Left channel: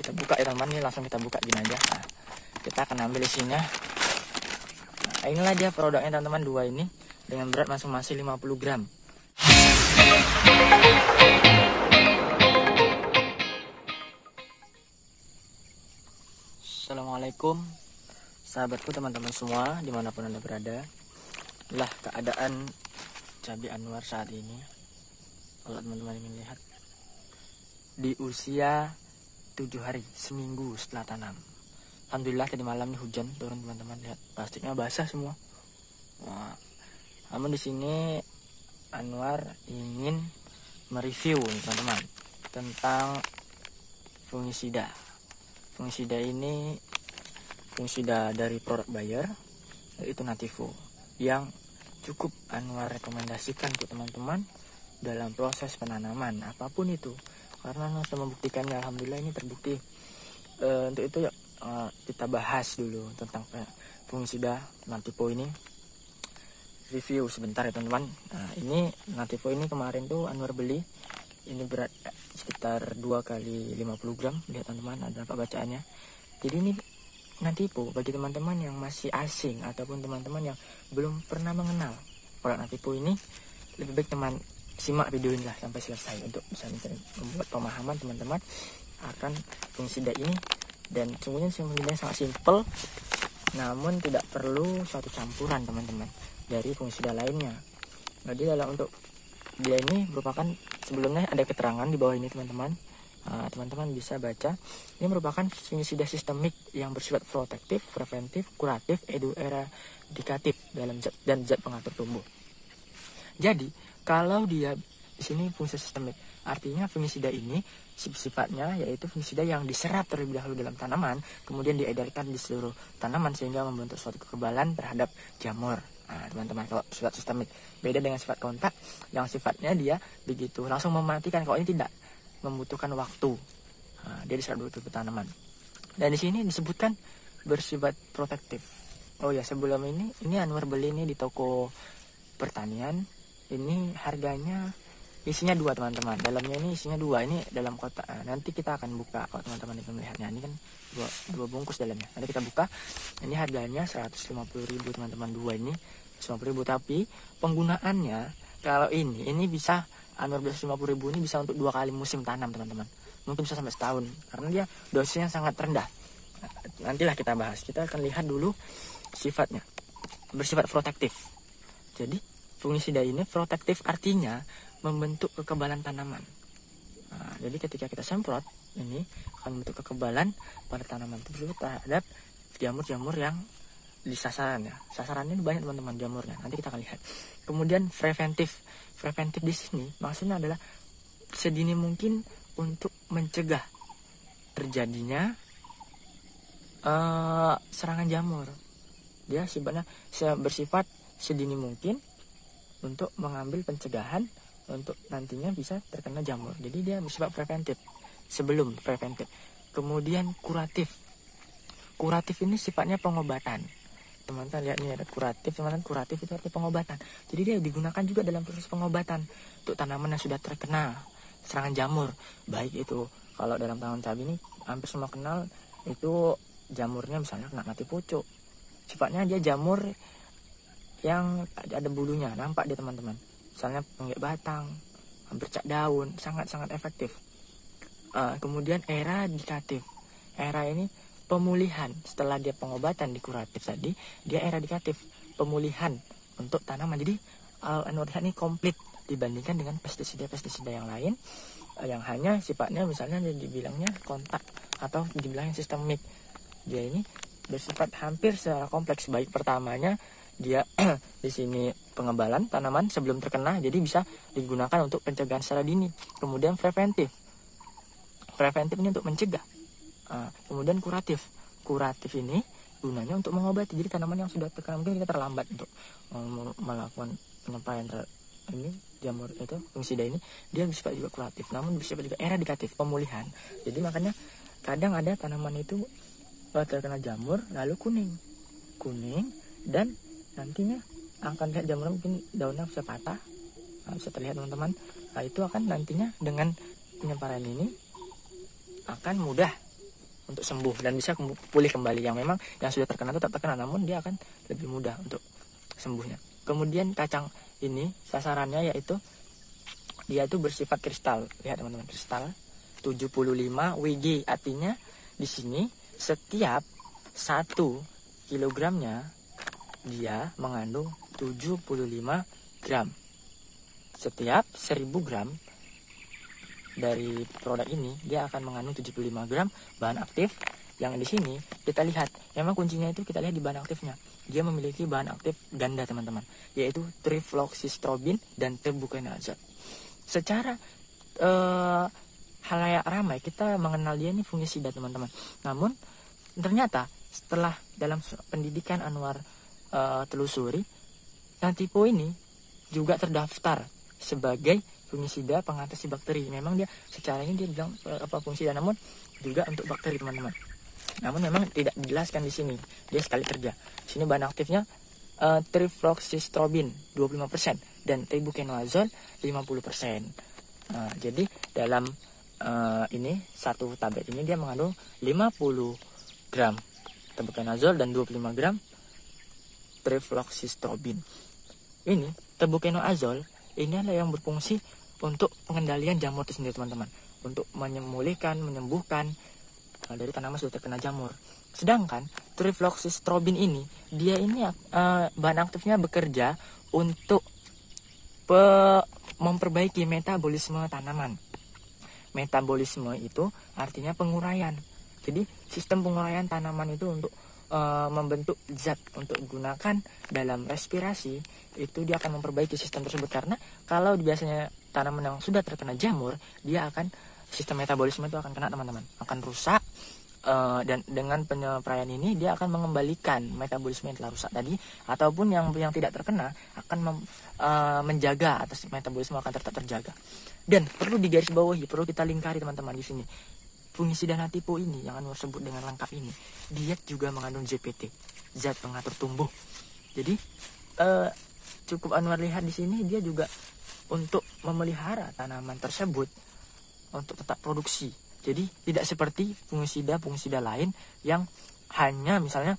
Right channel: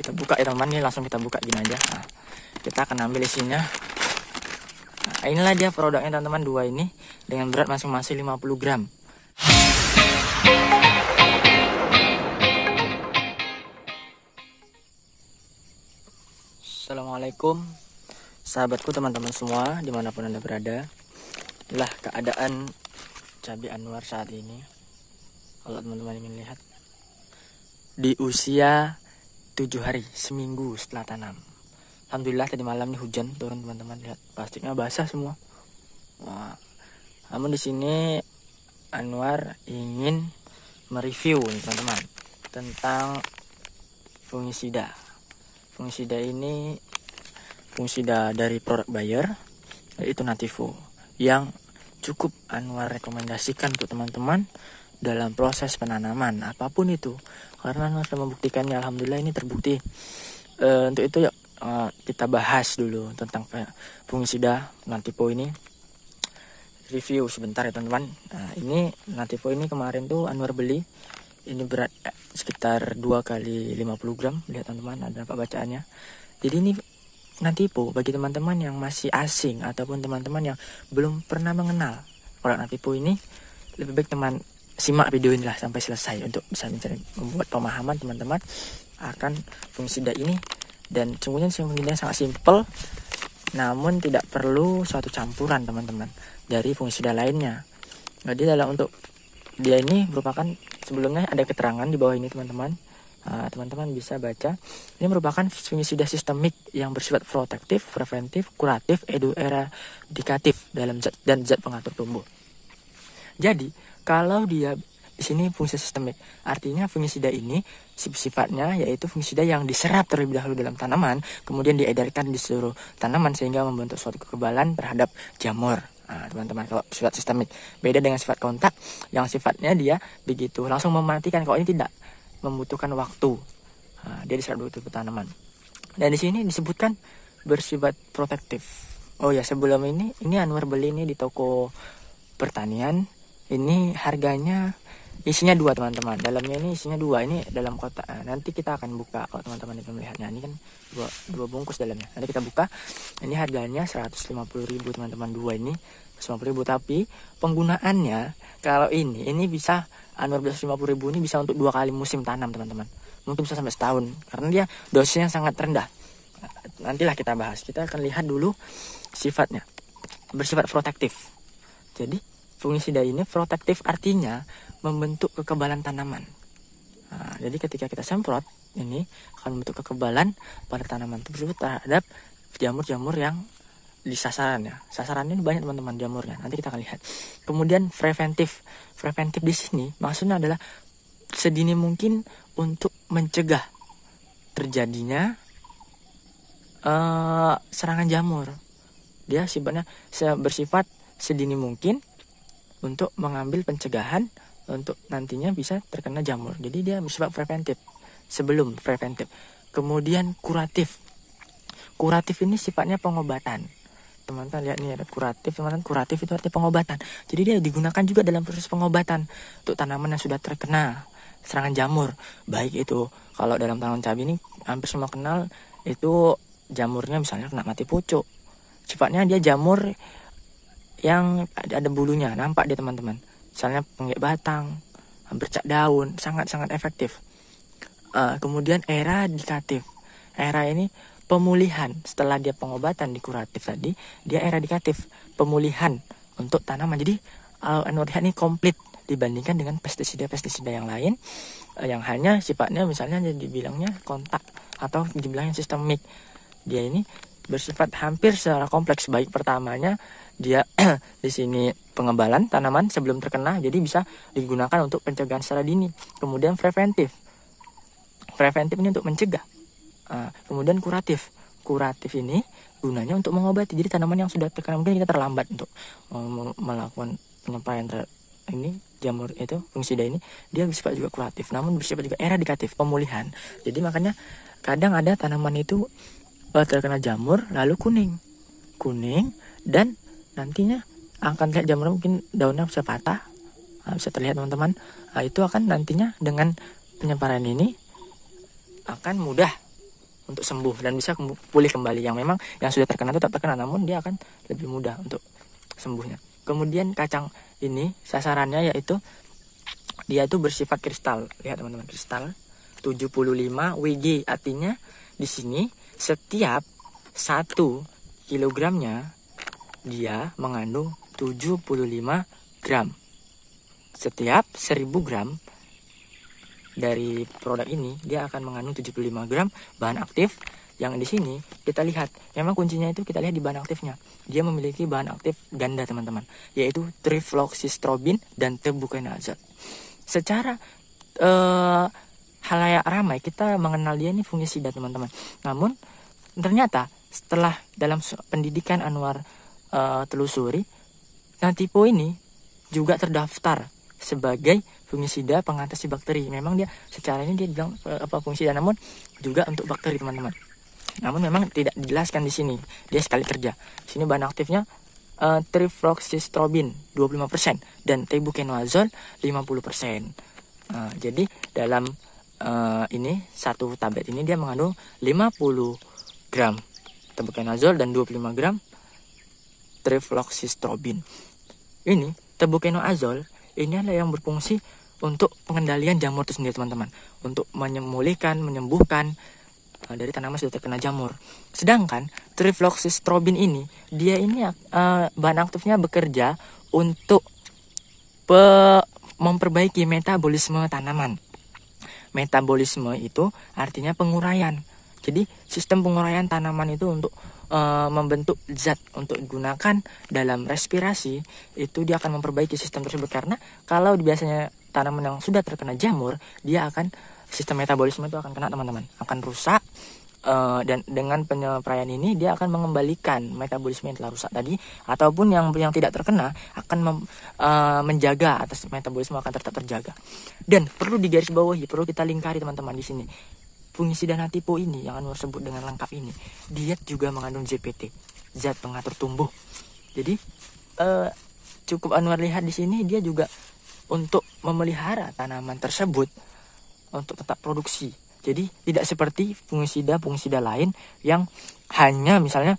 kita buka ya teman, nih langsung kita buka gini aja. Nah, kita akan ambil isinya. Nah, inilah dia produknya teman-teman, dua ini dengan berat masing-masing 50 gram. Assalamualaikum sahabatku, teman-teman semua dimanapun anda berada. Inilah keadaan cabai Anwar saat ini. Kalau teman-teman ingin lihat, di usia 7 hari, seminggu setelah tanam. Alhamdulillah tadi malam nih hujan turun teman-teman, lihat plastiknya basah semua. Wah, namun di sini Anwar ingin mereview teman-teman tentang fungisida. Fungisida ini fungisida dari produk Bayer, yaitu Nativo, yang cukup Anwar rekomendasikan untuk teman-teman dalam proses penanaman apapun itu, karena Anwar sudah membuktikannya. Alhamdulillah ini terbukti. Untuk itu yuk kita bahas dulu tentang fungisida Nativo ini. Review sebentar ya teman-teman. Nah, ini Nativo ini kemarin tuh Anwar beli. Ini berat sekitar 2 kali 50 gram. Lihat teman-teman, ada apa bacaannya. Jadi ini Nativo bagi teman-teman yang masih asing ataupun teman-teman yang belum pernah mengenal produk Nativo ini, lebih baik teman simak video ini lah sampai selesai untuk bisa membuat pemahaman teman-teman akan fungisida ini. Dan sungguhnya fungisida sangat simpel, namun tidak perlu suatu campuran teman-teman dari fungisida lainnya. Jadi dalam untuk dia ini merupakan, sebelumnya ada keterangan di bawah ini teman-teman. Teman-teman bisa baca. Ini merupakan fungisida sistemik yang bersifat protektif, preventif, kuratif, eradikatif dalam zat dan zat pengatur tumbuh. Jadi kalau dia di sini fungisida sistemik, artinya fungisida ini sifatnya yaitu fungisida yang diserap terlebih dahulu dalam tanaman, kemudian diedarkan di seluruh tanaman sehingga membentuk suatu kekebalan terhadap jamur. Teman-teman, kalau sifat sistemik beda dengan sifat kontak yang sifatnya dia begitu langsung mematikan. Kalau ini tidak, membutuhkan waktu. Dia diserap dulu ke tanaman. Dan di sini disebutkan bersifat protektif. Oh ya, sebelum ini Anwar beli ini di toko pertanian. Ini harganya isinya 2 teman-teman. Dalamnya ini isinya 2. Ini dalam kotak. Nanti kita akan buka kalau teman-teman ingin melihatnya. Ini kan dua bungkus dalamnya. Nanti kita buka. Ini harganya 150.000 teman-teman, 2 ini 150.000. Tapi penggunaannya kalau ini bisa Anwar 150.000 ini bisa untuk 2 kali musim tanam teman-teman. Mungkin bisa sampai setahun karena dia dosisnya sangat rendah. Nantilah kita bahas. Kita akan lihat dulu sifatnya. Bersifat protektif. Jadi fungisida ini protektif artinya membentuk kekebalan tanaman. Jadi ketika kita semprot ini akan membentuk kekebalan pada tanaman tersebut terhadap jamur-jamur yang di sasaran ya. Sasarannya banyak teman-teman jamurnya. Nanti kita akan lihat. Kemudian preventif. Preventif di sini maksudnya adalah sedini mungkin untuk mencegah terjadinya serangan jamur. Dia sifatnya bersifat sedini mungkin untuk mengambil pencegahan untuk nantinya bisa terkena jamur. Jadi dia bersifat preventif sebelum preventif. Kemudian kuratif. Kuratif ini sifatnya pengobatan. Teman-teman lihat nih ada kuratif, teman-teman. Kuratif itu artinya pengobatan. Jadi dia digunakan juga dalam proses pengobatan untuk tanaman yang sudah terkena serangan jamur. Baik itu kalau dalam tanaman cabai ini hampir semua kenal itu jamurnya, misalnya kena mati pucuk. Sifatnya dia jamur yang ada bulunya, nampak dia teman-teman. Misalnya penggek batang, bercak daun, sangat-sangat efektif. Kemudian eradikatif. Era ini pemulihan setelah dia pengobatan di kuratif tadi, dia eradikatif, pemulihan untuk tanaman. Jadi Anwar ini komplit dibandingkan dengan pestisida-pestisida yang lain yang hanya sifatnya misalnya dibilangnya kontak atau dibilangnya sistemik. Dia ini bersifat hampir secara kompleks. Baik pertamanya dia di sini pengebalan tanaman sebelum terkena, jadi bisa digunakan untuk pencegahan secara dini. Kemudian preventif. Preventif ini untuk mencegah. Kemudian kuratif. Kuratif ini gunanya untuk mengobati. Jadi tanaman yang sudah terkena mungkin kita terlambat untuk melakukan penyampaian ini jamur itu fungisida ini, dia bersifat juga kuratif, namun bersifat juga eradikatif, pemulihan. Jadi makanya kadang ada tanaman itu terkena jamur lalu kuning dan nantinya akan lihat jamur mungkin daunnya bisa patah, bisa terlihat teman-teman. Itu akan nantinya dengan penyebaran ini akan mudah untuk sembuh dan bisa pulih kembali. Yang memang yang sudah terkena tetap terkena, namun dia akan lebih mudah untuk sembuhnya. Kemudian kacang ini sasarannya yaitu dia itu bersifat kristal. Lihat teman-teman, kristal 75 Wg, artinya di sini setiap 1 kilogramnya dia mengandung 75 gram. Setiap 1000 gram dari produk ini dia akan mengandung 75 gram bahan aktif. Yang di sini kita lihat, memang kuncinya itu kita lihat di bahan aktifnya. Dia memiliki bahan aktif ganda teman-teman, yaitu trifloxystrobin dan tebuconazole. Secara halayak ramai kita mengenal dia ini fungisida teman-teman. Namun ternyata setelah dalam pendidikan Anwar telusuri, Natipo ini juga terdaftar sebagai fungisida pengatasi bakteri. Memang dia secara ini dia bilang fungisida, namun juga untuk bakteri teman-teman. Namun memang tidak dijelaskan di sini. Dia sekali kerja. Di sini bahan aktifnya trifloxystrobin 25% dan tebuconazole 50%. Jadi dalam ini satu tablet ini dia mengandung 50 gram tebuconazole dan 25 gram trifloxystrobin. Ini tebuconazole ini adalah yang berfungsi untuk pengendalian jamur itu sendiri teman-teman, untuk memulihkan, menyembuhkan dari tanaman sudah terkena jamur. Sedangkan trifloxystrobin ini dia ini bahan aktifnya bekerja untuk memperbaiki metabolisme tanaman. Metabolisme itu artinya penguraian. Jadi sistem penguraian tanaman itu untuk membentuk zat untuk digunakan dalam respirasi, itu dia akan memperbaiki sistem tersebut. Karena kalau biasanya tanaman yang sudah terkena jamur, dia akan sistem metabolisme itu akan kena teman-teman, akan rusak. Dan dengan penyepraian ini dia akan mengembalikan metabolisme yang telah rusak tadi, ataupun yang tidak terkena akan menjaga atas metabolisme akan tetap terjaga. Dan perlu digarisbawahi, perlu kita lingkari teman-teman di sini. Fungisida Natipo ini yang Anwar sebut dengan lengkap ini, dia juga mengandung ZPT, zat pengatur tumbuh. Jadi cukup Anwar lihat di sini dia juga untuk memelihara tanaman tersebut untuk tetap produksi. Jadi tidak seperti fungisida lain yang hanya misalnya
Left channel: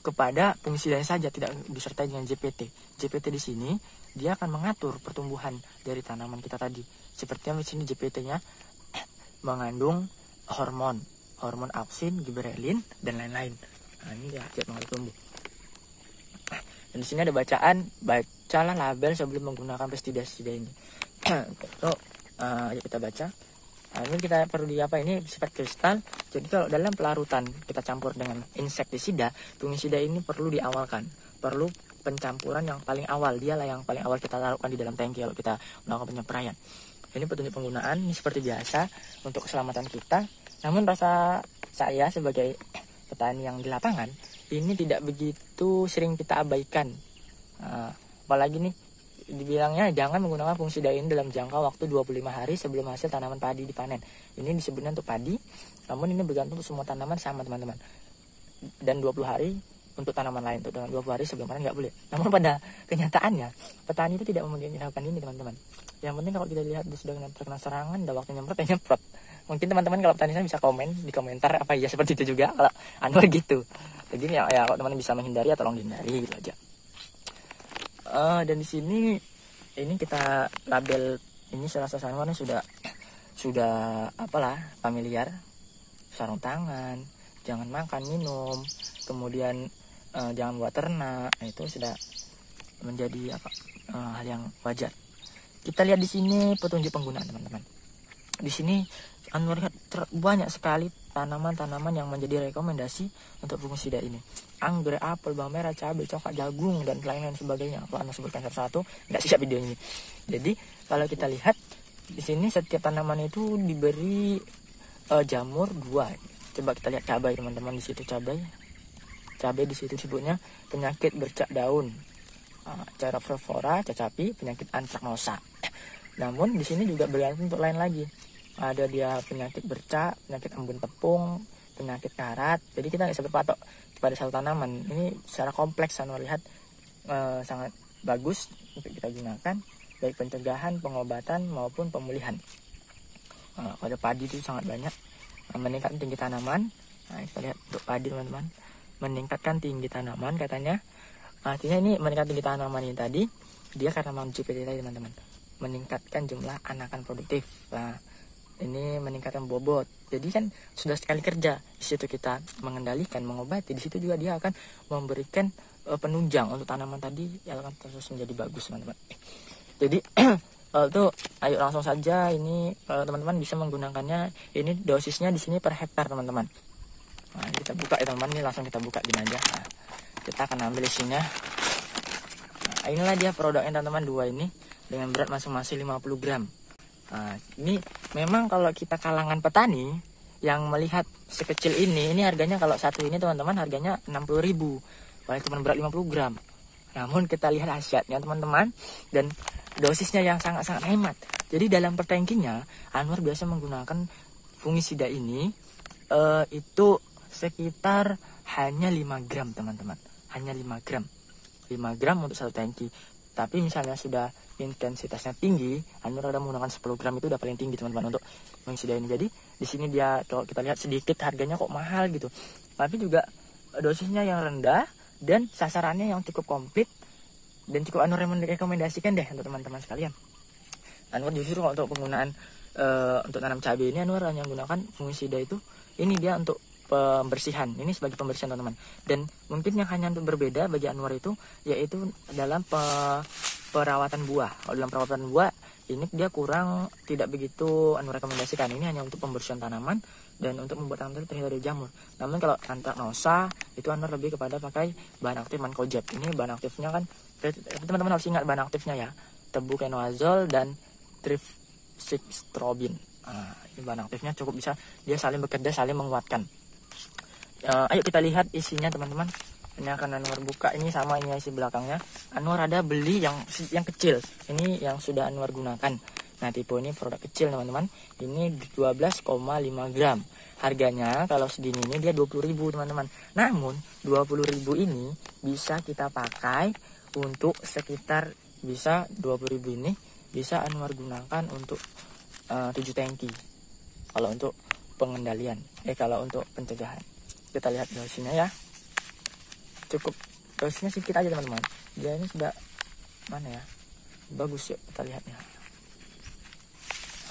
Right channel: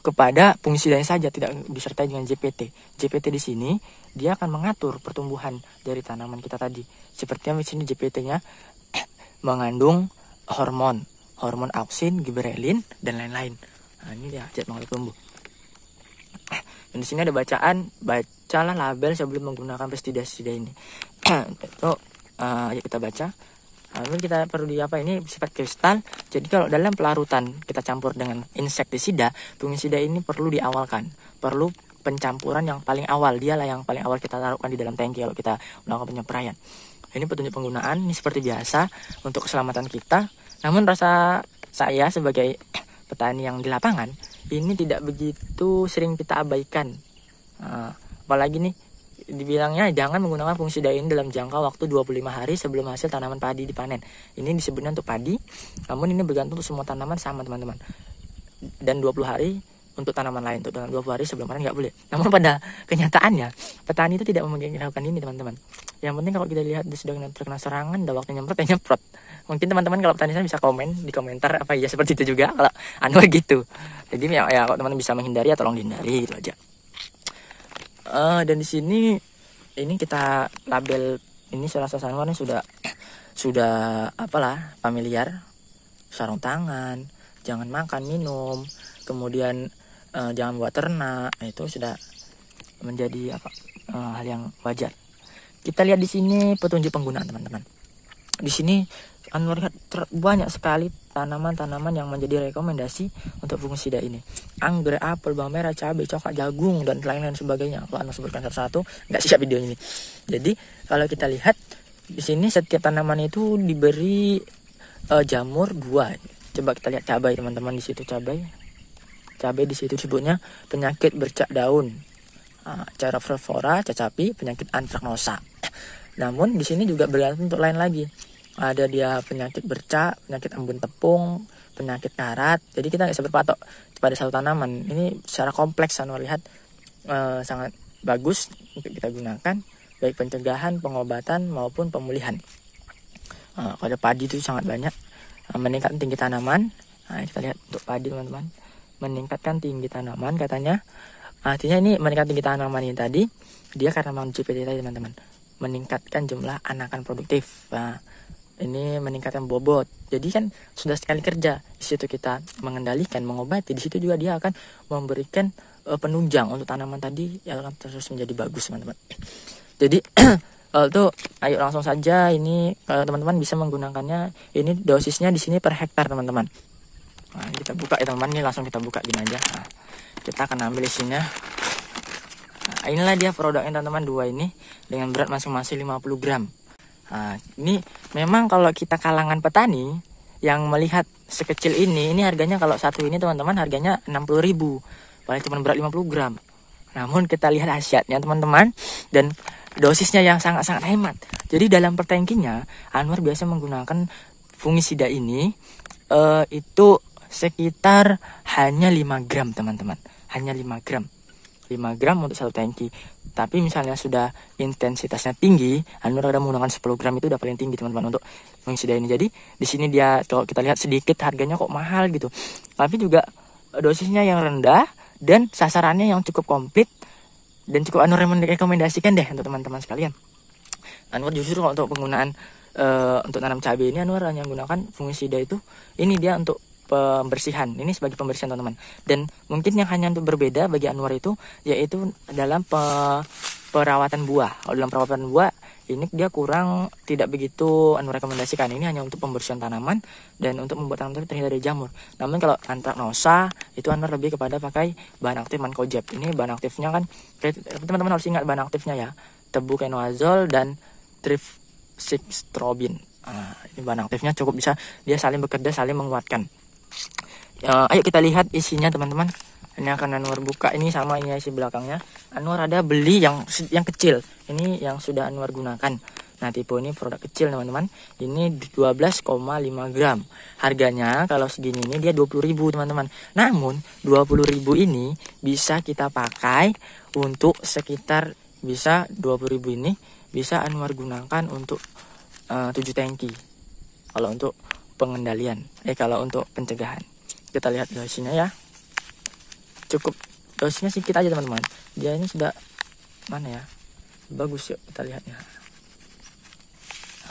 kepada fungisidanya saja, tidak disertai dengan ZPT. ZPT di sini dia akan mengatur pertumbuhan dari tanaman kita tadi. Seperti yang di sini ZPT-nya mengandung hormon auksin, giberelin dan lain-lain. Nah, ini dia zat pengatur tumbuh. Dan di sini ada bacaan, bacalah label sebelum menggunakan pestisida ini. Ayo kita baca. Ini kita perlu ini sifat kristal. Jadi kalau dalam pelarutan kita campur dengan insektisida, fungisida ini perlu diawalkan, perlu pencampuran yang paling awal. Dialah yang paling awal kita taruhkan di dalam tangki kalau kita melakukan penyepraian. Ini petunjuk penggunaan, ini seperti biasa untuk keselamatan kita. Namun rasa saya sebagai petani yang di lapangan, ini tidak begitu sering kita abaikan. Apalagi nih dibilangnya jangan menggunakan fungisida ini dalam jangka waktu 25 hari sebelum hasil tanaman padi dipanen. Ini disebutnya untuk padi, namun ini bergantung untuk semua tanaman sama teman-teman. Dan 20 hari untuk tanaman lain, untuk dengan 20 hari sebelum panen nggak boleh. Namun pada kenyataannya petani itu tidak melakukan ini teman-teman. Yang penting kalau kita lihat dia sudah terkena serangan, udah waktunya nyemprot, ya nyemprot. Mungkin teman-teman kalau petani saya bisa komen di komentar apa iya seperti itu juga kalau Anwar gitu. Jadi ya kalau teman-teman bisa menghindari ya tolong dihindari gitu aja. Dan di sini ini kita label ini selasa Anwar ini sudah apalah familiar, sarung tangan, jangan makan minum, kemudian jangan buat ternak, itu sudah menjadi hal yang wajar. Kita lihat di sini petunjuk penggunaan teman-teman. Di sini Anwar lihat banyak sekali tanaman-tanaman yang menjadi rekomendasi untuk fungisida ini. Anggrek, apel, bawang merah, cabai, coklat, jagung dan lain-lain sebagainya. Kalau Anwar sebutkan satu-satu, nggak siap video ini. Jadi kalau kita lihat di sini setiap tanaman itu diberi jamur 2. Coba kita lihat cabai teman-teman, di situ cabai di situ disebutnya penyakit bercak daun, Chaerophora cacapi, penyakit antraknosa. Namun di sini juga bergantung untuk lain lagi. Ada dia penyakit bercak, penyakit embun tepung, penyakit karat. Jadi kita nggak bisa berpatok pada satu tanaman. Ini secara kompleks Anwar lihat sangat bagus untuk kita gunakan, baik pencegahan, pengobatan maupun pemulihan. Pada padi itu sangat banyak. meningkatkan tinggi tanaman. Nah, kita lihat untuk padi teman-teman, meningkatkan tinggi tanaman katanya. Artinya ini meningkatkan tinggi tanaman ini tadi, dia karena GPT tadi teman-teman, meningkatkan jumlah anakan produktif. Nah, ini meningkatkan bobot. Jadi kan sudah sekali kerja. Di situ kita mengendalikan, mengobati. Di situ juga dia akan memberikan penunjang untuk tanaman tadi yang akan terus menjadi bagus teman-teman. Jadi tuh ayo langsung saja ini teman-teman bisa menggunakannya. Ini dosisnya di sini per hektar teman-teman. Nah, kita buka ya teman-teman, ini langsung kita buka gini aja. Nah, kita akan ambil isinya. Nah, inilah dia produknya teman-teman, dua ini dengan berat masing-masing 50 gram. Nah, ini memang kalau kita kalangan petani yang melihat sekecil ini harganya kalau satu ini teman-teman harganya 60.000. Paling cuma berat 50 gram. Namun kita lihat khasiatnya teman-teman dan dosisnya yang sangat-sangat hemat. Jadi dalam per tangkinya Anwar biasa menggunakan fungisida ini itu sekitar hanya 5 gram teman-teman. Hanya 5 gram. 5 gram untuk satu tangki. Tapi misalnya sudah intensitasnya tinggi, Anwar udah menggunakan 10 gram, itu udah paling tinggi teman-teman untuk fungisida ini. Jadi di sini dia kalau kita lihat sedikit harganya kok mahal gitu. Tapi juga dosisnya yang rendah dan sasarannya yang cukup komplit dan cukup Anwar merekomendasikan deh untuk teman-teman sekalian. Anwar justru kalau untuk penggunaan untuk tanam cabai ini Anwar hanya menggunakan fungisida itu. Ini dia untuk pembersihan, ini sebagai pembersihan teman-teman. Dan mungkin yang hanya untuk berbeda bagi Anwar itu yaitu dalam perawatan buah. Kalau dalam perawatan buah ini dia kurang tidak begitu Anwar rekomendasikan. Ini hanya untuk pembersihan tanaman dan untuk membuat tanaman terhindar dari jamur. Namun kalau antraknosa itu Anwar lebih kepada pakai bahan aktif mancozeb. Ini bahan aktifnya kan teman-teman harus ingat bahan aktifnya ya, tebuconazole dan trifsixstrobin. Nah, ini bahan aktifnya cukup bisa dia saling bekerja, saling menguatkan. Ayo kita lihat isinya teman-teman. Ini akan Anwar buka, ini sama ini isi belakangnya. Anwar ada beli yang kecil. Ini yang sudah Anwar gunakan. Nah, tipe ini produk kecil teman-teman. Ini 12,5 gram. Harganya kalau segini ini dia 20.000 teman-teman. Namun 20.000 ini bisa kita pakai untuk sekitar bisa 20.000 ini bisa Anwar gunakan untuk 7 tangki. Kalau untuk pengendalian, kalau untuk pencegahan. Kita lihat dosisnya ya. Cukup dosisnya sedikit aja teman-teman. Dia ini sudah mana ya? Bagus yuk kita lihatnya.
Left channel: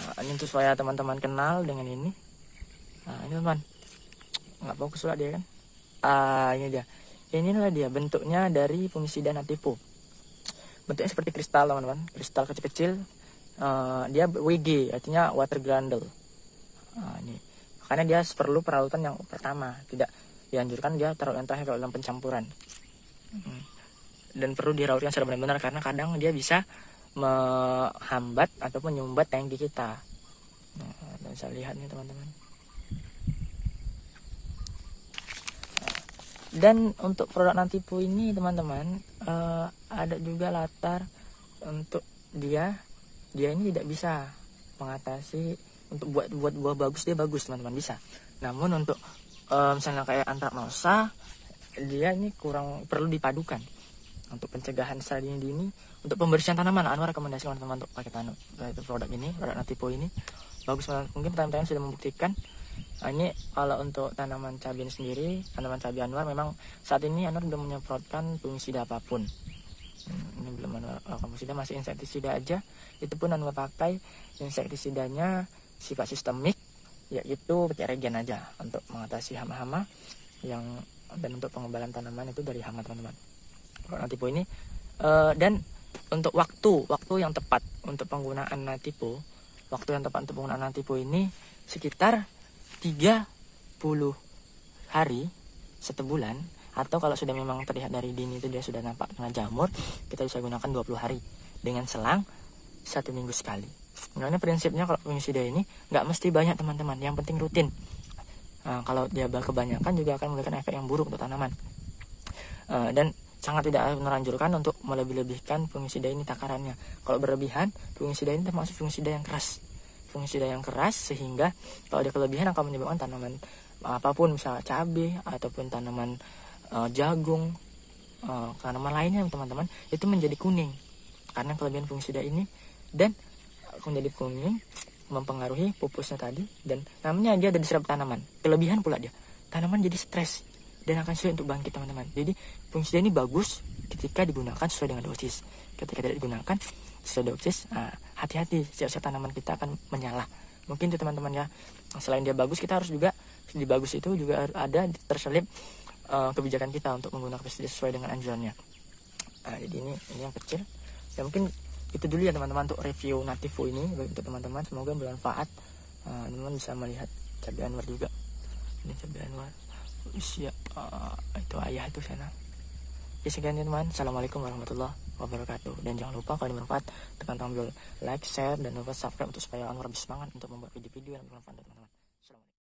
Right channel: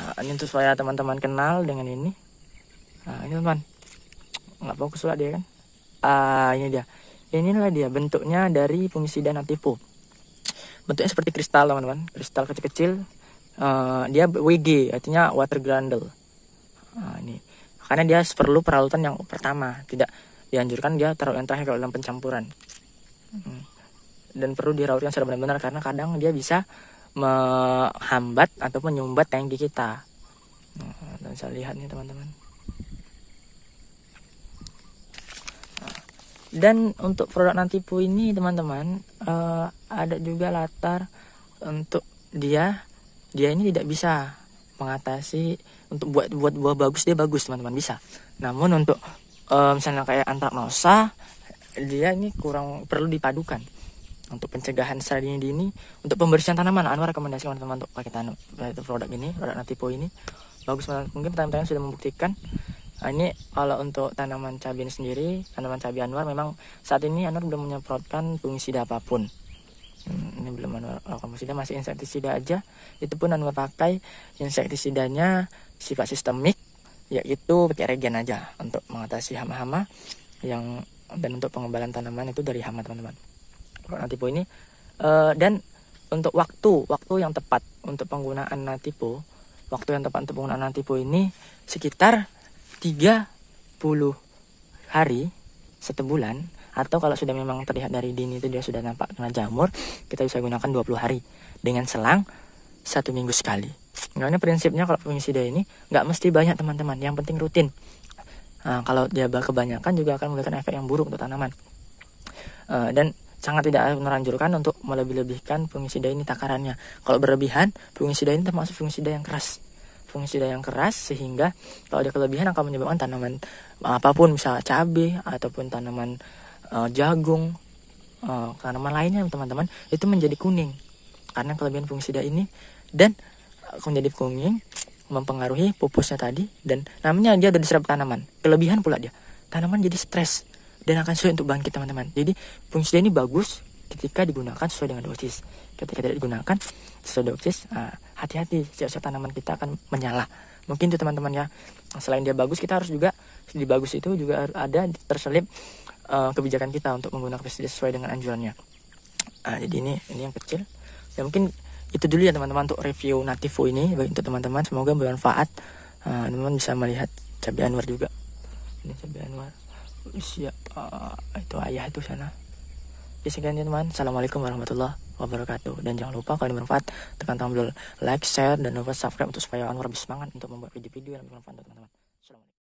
Nah, ini untuk supaya teman-teman kenal dengan ini. Nah, ini teman. Nggak fokus lah dia kan. Ini dia. Inilah dia bentuknya dari fungisida nativo. Bentuknya seperti kristal teman-teman. Kristal kecil-kecil. Dia WG, artinya water granule. Nah, ini. Karena dia perlu peralatan yang pertama, tidak dianjurkan dia taruh yang terakhir kalau dalam pencampuran. Dan perlu dirautkan secara benar-benar karena kadang dia bisa menghambat atau menyumbat tangki kita. Dan saya lihat nih teman-teman. Dan untuk produk Nativo ini teman-teman ada juga latar untuk dia ini tidak bisa mengatasi untuk buat buah bagus, dia bagus teman-teman bisa. Namun untuk misalnya kayak antraknosa dia ini kurang perlu dipadukan. Untuk pencegahan secara dini untuk pembersihan tanaman Anwar rekomendasi teman-teman untuk pakai produk ini, produk Nativo ini bagus banget. Mungkin teman-teman sudah membuktikan. Ini kalau untuk tanaman cabai sendiri, tanaman cabai Anwar memang saat ini Anwar belum menyemprotkan fungisida apapun. Ini belum Anwar fungisida, masih insektisida aja. Itu pun Anwar pakai insektisidanya sifat sistemik, yaitu petiregen aja untuk mengatasi hama-hama yang dan untuk pengembalan tanaman itu dari hama teman-teman. Nativo ini dan untuk waktu yang tepat untuk penggunaan Nativo, waktu yang tepat untuk penggunaan Nativo ini sekitar 30 hari 1 bulan, atau kalau sudah memang terlihat dari dini itu dia sudah nampak kena jamur, kita bisa gunakan 20 hari dengan selang 1 minggu sekali. Nah, prinsipnya kalau fungisida ini nggak mesti banyak teman-teman, yang penting rutin. Nah, kalau dia kebanyakan juga akan memberikan efek yang buruk untuk tanaman. Dan sangat tidak menganjurkan untuk melebih-lebihkan fungisida ini takarannya. Kalau berlebihan, fungisida ini termasuk fungisida yang keras. Fungisida yang keras sehingga kalau ada kelebihan akan menyebabkan tanaman apapun, misalnya cabai ataupun tanaman jagung, tanaman lainnya teman-teman, itu menjadi kuning karena kelebihan fungisida ini. Dan menjadi kuning mempengaruhi pupusnya tadi, dan namanya dia udah diserap tanaman. Kelebihan pula dia, tanaman jadi stres dan akan sulit untuk bangkit teman-teman. Jadi fungsi ini bagus ketika digunakan sesuai dengan dosis. Ketika tidak digunakan sesuai dosis, hati-hati, siasat tanaman kita akan menyala. Mungkin itu teman-teman ya. Selain dia bagus, kita harus juga di bagus itu juga ada terselip kebijakan kita untuk menggunakan pestisida sesuai dengan anjurannya. Jadi ini yang kecil. Ya mungkin itu dulu ya teman-teman untuk review Nativo ini bagi untuk teman-teman. Semoga bermanfaat. Teman-teman bisa melihat cabai anwar juga. Ini cabai anwar. Usia itu ayah itu sana. Ya sekian teman-teman. Assalamualaikum warahmatullahi wabarakatuh. Dan jangan lupa kalau bermanfaat tekan tombol like, share, dan lupa subscribe untuk supaya Anwar lebih semangat untuk membuat video-video yang bermanfaat teman-teman.